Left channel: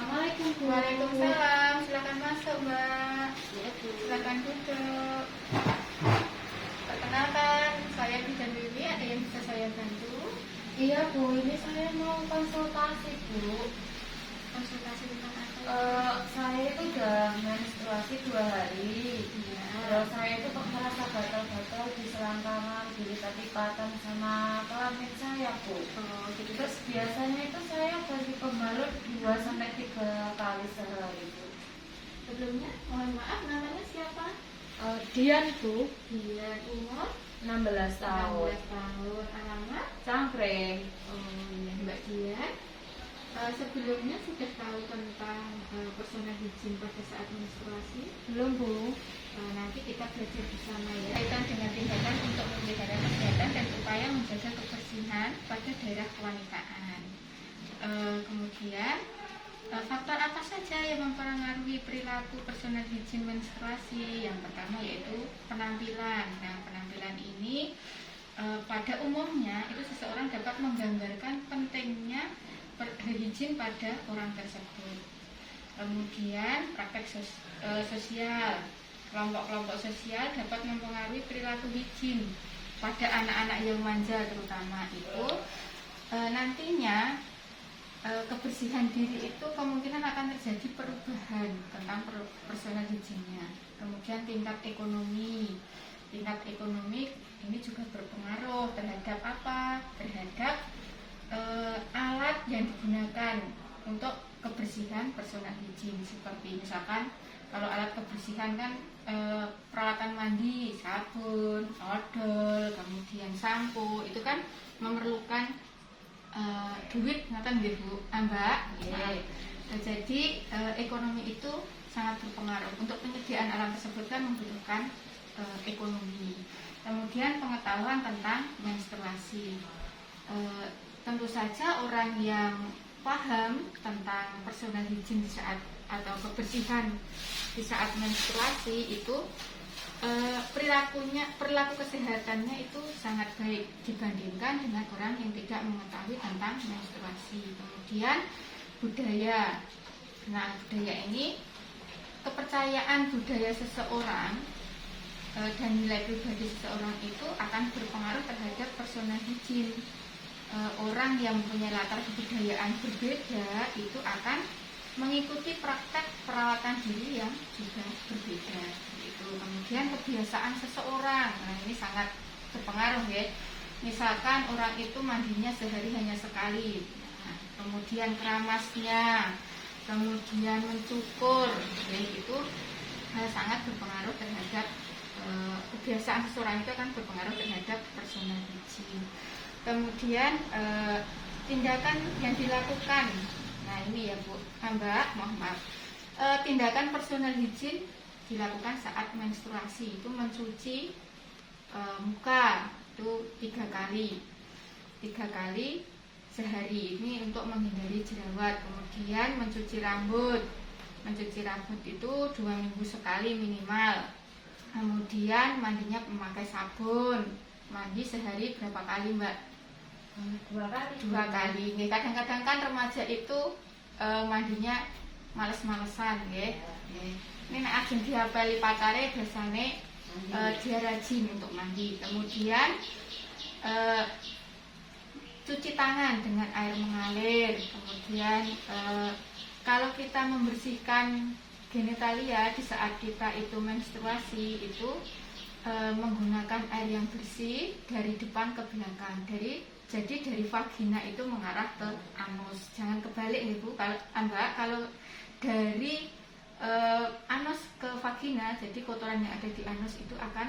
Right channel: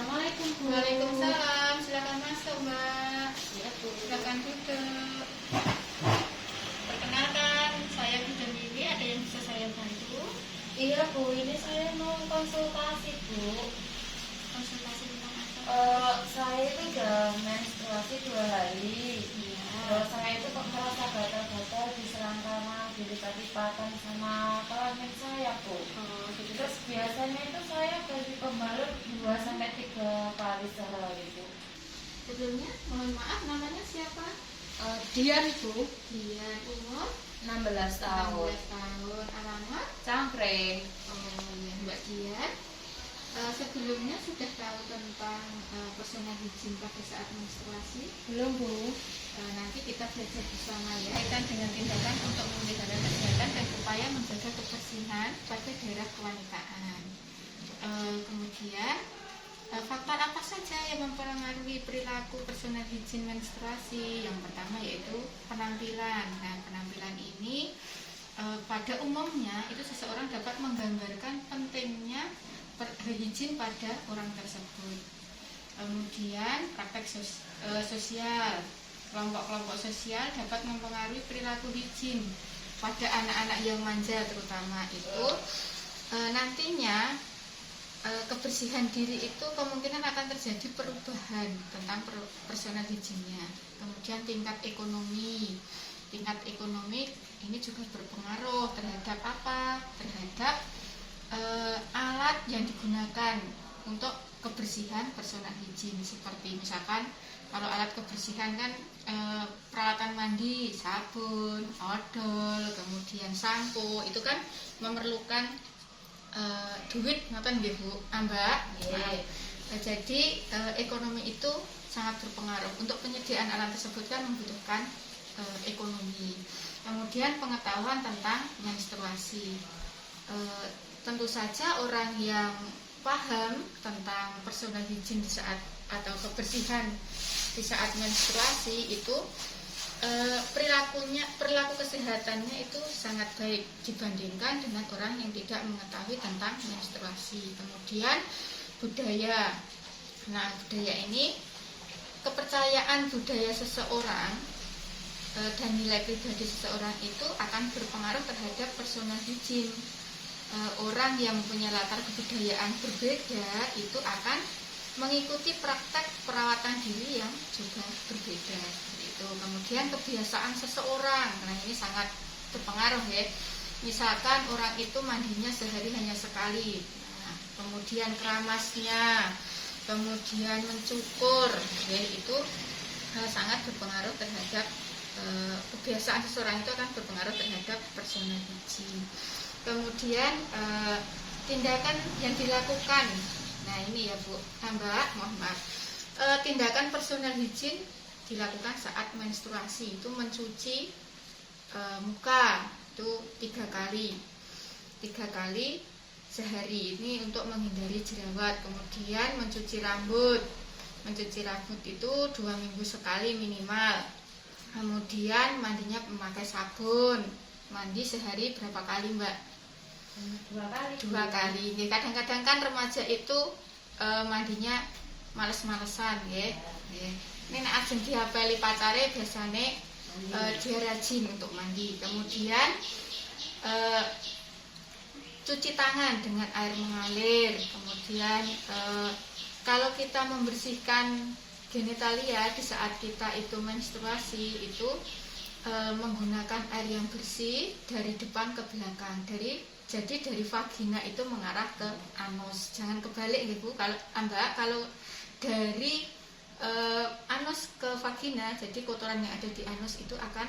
Assalamualaikum Bu. Waalaikumsalam, silakan masuk Mbak. Ya Bu. Silakan duduk. Perkenalkan, saya Bidan Lili, ada yang bisa saya bantu? Iya Bu, ini saya mau konsultasi Bu. Konsultasi tentang apa? Saya itu udah menstruasi 2 hari. Iya. Terus saya itu kok merasa gatal-gatal di selangkangan, di lipat-lipatan sama kelamin saya Bu. Oh, jadi Terus biasanya itu saya ganti pembalut 2 sampai 3 kali sehari Bu. sebelumnya mohon maaf, namanya siapa? Dian Bu, Dian, umur 16 tahun. 16 tahun, alamat? Cangkring. Oh iya, Mbak Dian. Sebelumnya sudah tahu tentang personal hygiene pada saat menstruasi? Belum Bu. Nanti kita belajar bersama ya, kaitan dengan tindakan untuk memelihara kesehatan dan upaya menjaga kebersihan pada daerah kewanitaan. Kemudian faktor apa saja yang mempengaruhi perilaku personal hygiene menstruasi? Yang pertama yaitu penampilan. Nah, penampilan ini pada umumnya itu seseorang dapat menggambarkan pentingnya hygiene pada orang tersebut. Kemudian praktek sosial. Kelompok-kelompok sosial dapat mempengaruhi perilaku hygiene pada anak-anak yang manja, terutama itu nantinya kebersihan diri itu kemungkinan akan terjadi perubahan tentang personal hygiene-nya. Kemudian tingkat ekonomi ini juga berpengaruh terhadap apa? Terhadap alat yang digunakan untuk kebersihan personal hygiene, seperti misalkan kalau alat kebersihan kan peralatan mandi, sabun, odol, kemudian sampo, itu kan memerlukan duit, ngoten nggih Bu, Mbak. Yeah. Jadi ekonomi itu sangat berpengaruh. Untuk penyediaan alat tersebut kan membutuhkan ekonomi. Kemudian pengetahuan tentang menstruasi. Tentu saja orang yang paham tentang personal hygiene di saat atau kebersihan di saat menstruasi itu perilaku kesehatannya itu sangat baik dibandingkan dengan orang yang tidak mengetahui tentang menstruasi. Kemudian budaya. Nah, budaya ini kepercayaan budaya seseorang dan nilai pribadi seseorang itu akan berpengaruh terhadap personal hygiene. Orang yang punya latar kebudayaan berbeda itu akan mengikuti praktek perawatan diri yang juga berbeda. Itu kemudian kebiasaan seseorang, nah ini sangat berpengaruh ya. Misalkan orang itu mandinya sehari hanya sekali, nah, kemudian keramasnya, kemudian mencukur, ya, itu sangat berpengaruh terhadap kebiasaan seseorang itu akan berpengaruh terhadap personal hygiene. Kemudian tindakan yang dilakukan. Nah ini ya Bu, Mbak, mohon maaf. Tindakan personal hygiene dilakukan saat menstruasi itu mencuci muka itu 3 kali sehari, ini untuk menghindari jerawat. Kemudian mencuci rambut itu 2 minggu sekali minimal. Kemudian mandinya memakai sabun. Mandi sehari berapa kali Mbak? 2 kali. Kadang-kadang kan remaja itu mandinya males-malesan ya. Ini nek ajeng diapeli pacare biasanya dia rajin untuk mandi. Kemudian cuci tangan dengan air mengalir. Kemudian kalau kita membersihkan genitalia di saat kita itu menstruasi itu menggunakan air yang bersih dari depan ke belakang. Jadi dari vagina itu mengarah ke anus. Jangan kebalik ya Bu. Kalau dari anus ke vagina, jadi kotoran yang ada di anus itu akan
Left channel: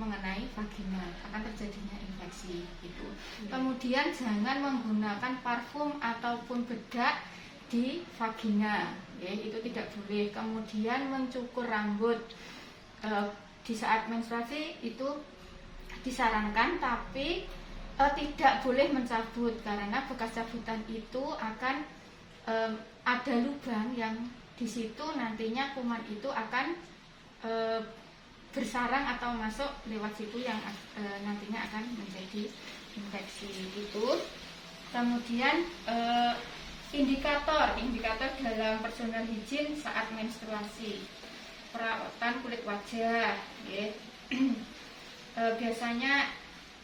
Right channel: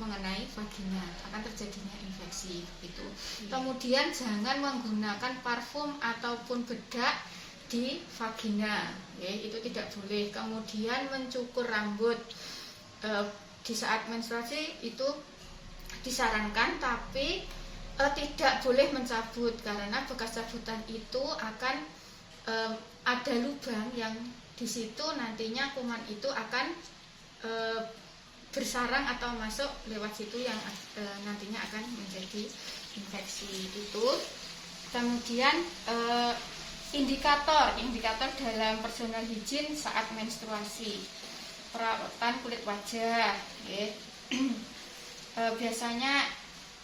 mengenai vagina, akan terjadinya infeksi gitu. Kemudian jangan menggunakan parfum ataupun bedak di vagina, ya, itu tidak boleh. Kemudian mencukur rambut di saat menstruasi itu disarankan, tapi tidak boleh mencabut karena bekas cabutan itu akan ada lubang yang di situ nantinya kuman itu akan bersarang atau masuk lewat situ yang nantinya akan menjadi infeksi itu. Kemudian Indikator dalam personal hygiene saat menstruasi. Perawatan kulit wajah, nggih. Biasanya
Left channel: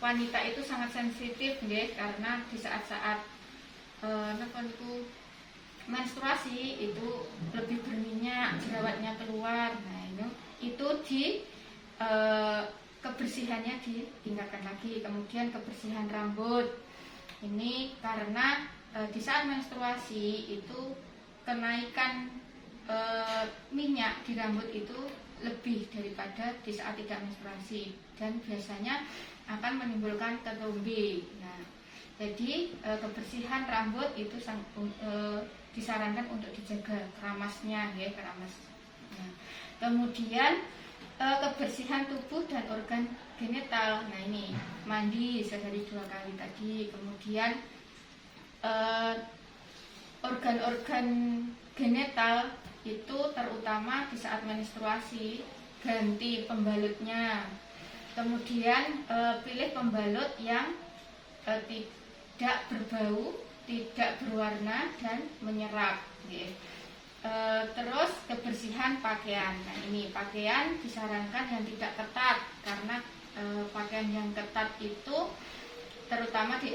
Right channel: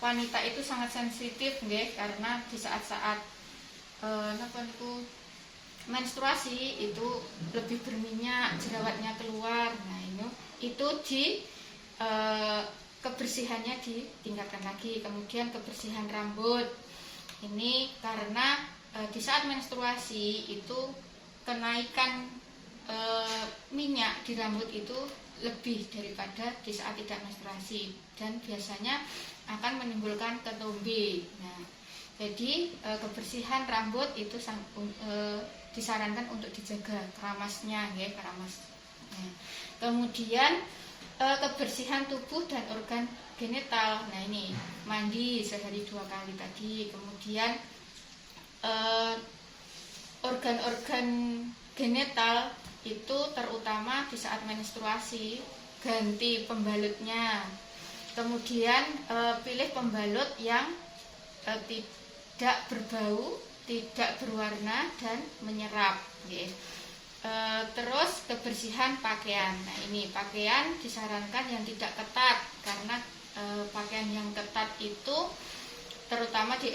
wanita itu sangat sensitif, nggih, karena di saat-saat menstruasi itu lebih berminyak, jerawatnya keluar. Nah, itu di kebersihannya ditingkatkan lagi. Kemudian kebersihan rambut. Ini karena di saat menstruasi itu kenaikan minyak di rambut itu lebih daripada di saat tidak menstruasi, dan biasanya akan menimbulkan ketombe. Nah, jadi kebersihan rambut itu disarankan untuk dijaga keramasnya, ya, keramas. Nah, kemudian kebersihan tubuh dan organ genital. Nah, ini mandi sehari 2 kali tadi. Kemudian organ-organ genital itu terutama di saat menstruasi, ganti pembalutnya. Kemudian pilih pembalut yang tidak berbau, tidak berwarna, dan menyerap. Terus kebersihan pakaian. Nah, ini pakaian disarankan yang tidak ketat, karena pakaian yang ketat itu terutama di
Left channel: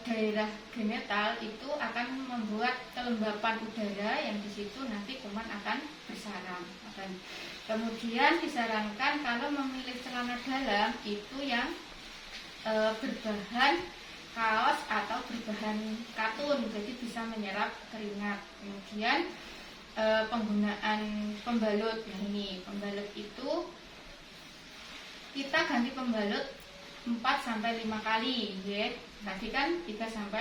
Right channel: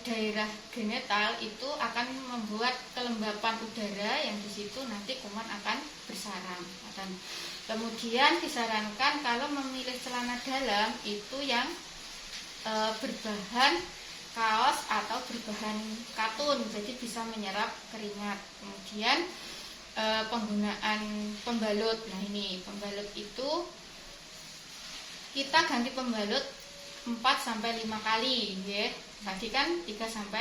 daerah genital itu akan membuat kelembapan udara yang di situ nanti kuman akan bersarang. Kemudian disarankan kalau memilih celana dalam itu yang berbahan kaos atau berbahan katun, jadi bisa menyerap keringat. Kemudian penggunaan pembalut. Nah, ini pembalut itu kita ganti pembalut 4-5 kali, ya. Tadi kan 3-4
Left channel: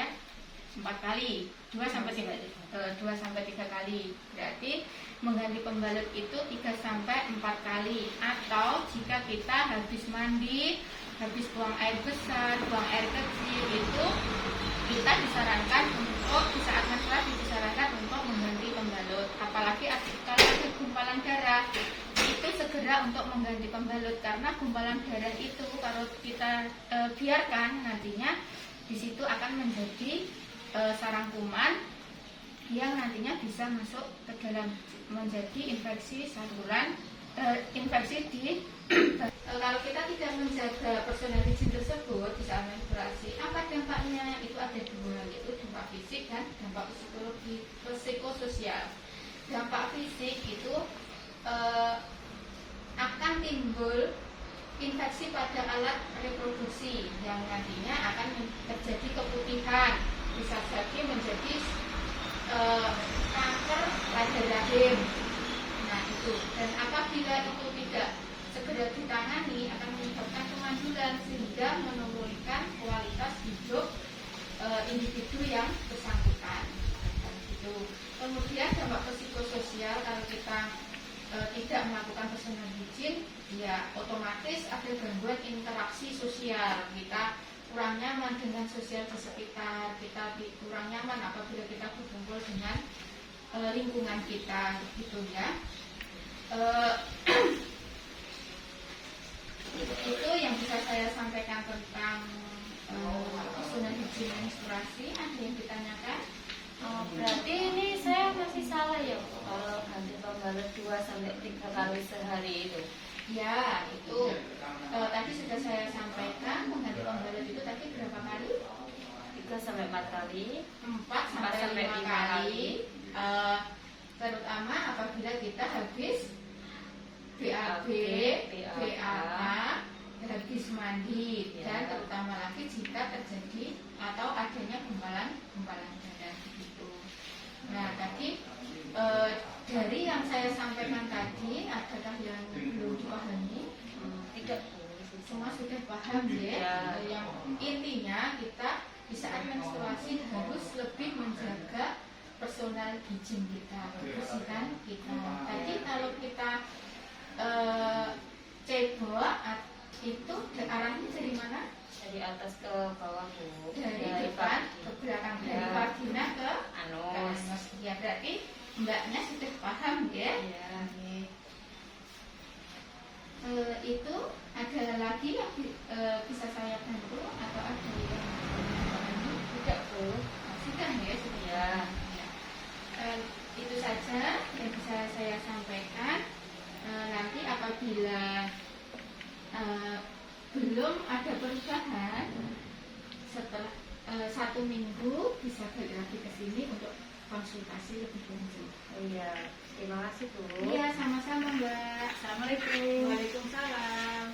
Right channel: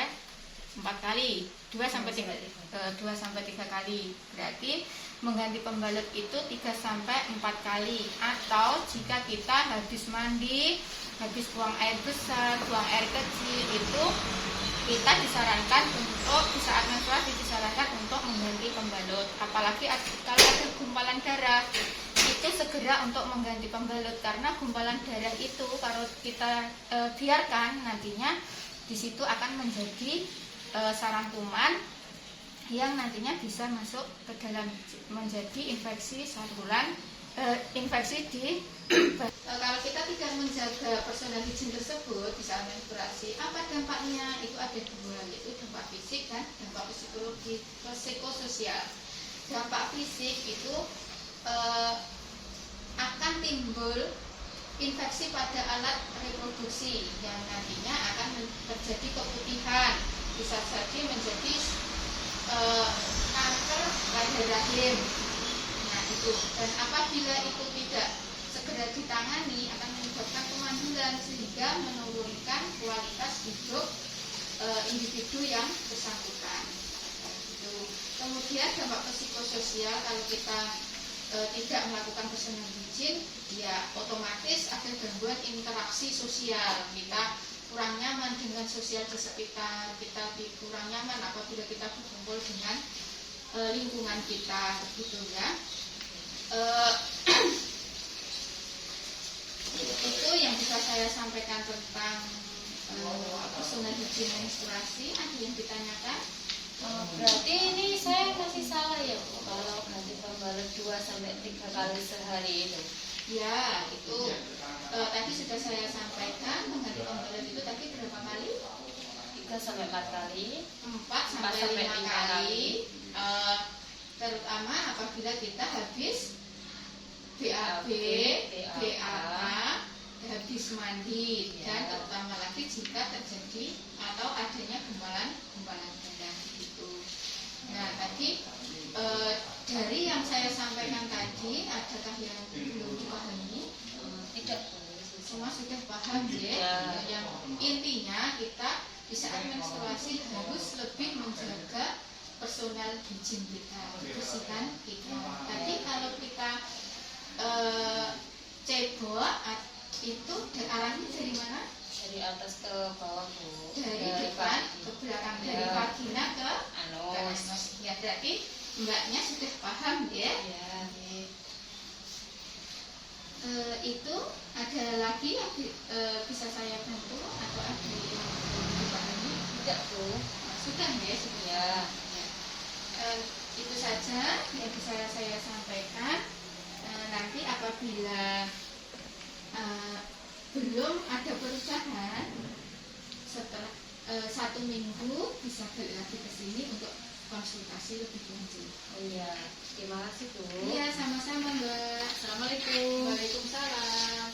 kali, 2-3 kali. Berarti mengganti pembalut itu 3-4 kali. Atau jika kita habis mandi, habis buang air besar, buang air kecil, itu kita disarankan untuk di saat menstruasi disarankan untuk mengganti pembalut. Apalagi kalau ada gumpalan darah, itu segera untuk mengganti pembalut, karena gumpalan darah itu kalau kita biarkan, nantinya di situ akan menjadi sarang kuman yang nantinya bisa masuk ke dalam, menjadi infeksi saluran, infeksi di kalau kita tidak menjaga personal hygiene tersebut di saat menstruasi, apa dampaknya? Itu ada 2, yaitu dampak fisik dan dampak psikososial. Dampak fisik itu akan timbul infeksi pada alat reproduksi yang nantinya akan terjadi keputihan, bisa saja menjadi kanker pada rahim. Nah, itu. Dan apabila itu tidak segera ditangani akan menyebabkan kemandulan sehingga menurunkan kualitas hidup individu yang bersangkutan. Gitu. Kemudian dampak psikososial, kalau kita tidak melakukan personal hygiene, ya otomatis ada gangguan interaksi sosial. Kita kurang nyaman dengan sosial di sekitar, kita kurang nyaman apabila kita berkumpul dengan lingkungan kita, gitu ya. Itu yang bisa saya sampaikan tentang personal hygiene menstruasi. Ada yang ditanyakan? Berarti ini saya masih salah ya, Bu, kalau ganti pembalut 2-3 kali sehari itu? Ya, itu tadi sudah saya sampaikan, mengganti pembalut itu tadi berapa kali? 3-4 kali, 4-5 kali. Terutama apabila kita habis BAB, BAK, habis mandi, dan terutama lagi jika terjadi atau adanya gumpalan darah gitu. Nah, tadi dari yang saya sampaikan tadi, adakah yang belum dipahami? Tidak, semua sudah paham ya. Yang intinya kita di saat menstruasi harus lebih menjaga personal hygiene kita, kebersihan kita. Tadi kalau kita cebok itu arahnya dari mana? dari atas ke bawah, Bu. Dari depan ke belakang, dari vagina ke anus. Ya, berarti mbaknya sudah paham ya? Ya. Itu ada lagi yang bisa saya bantu atau ada yang dipahami? Tidak, Bu. Sudah ya, sudah. Ya. Itu saja yang bisa saya sampaikan. Nanti apabila belum ada perubahan, setelah 1 minggu bisa balik lagi ke sini untuk konsultasi lebih lanjut. Oh iya, terima kasih Bu. Iya, sama-sama Mbak. Assalamualaikum. Waalaikumsalam.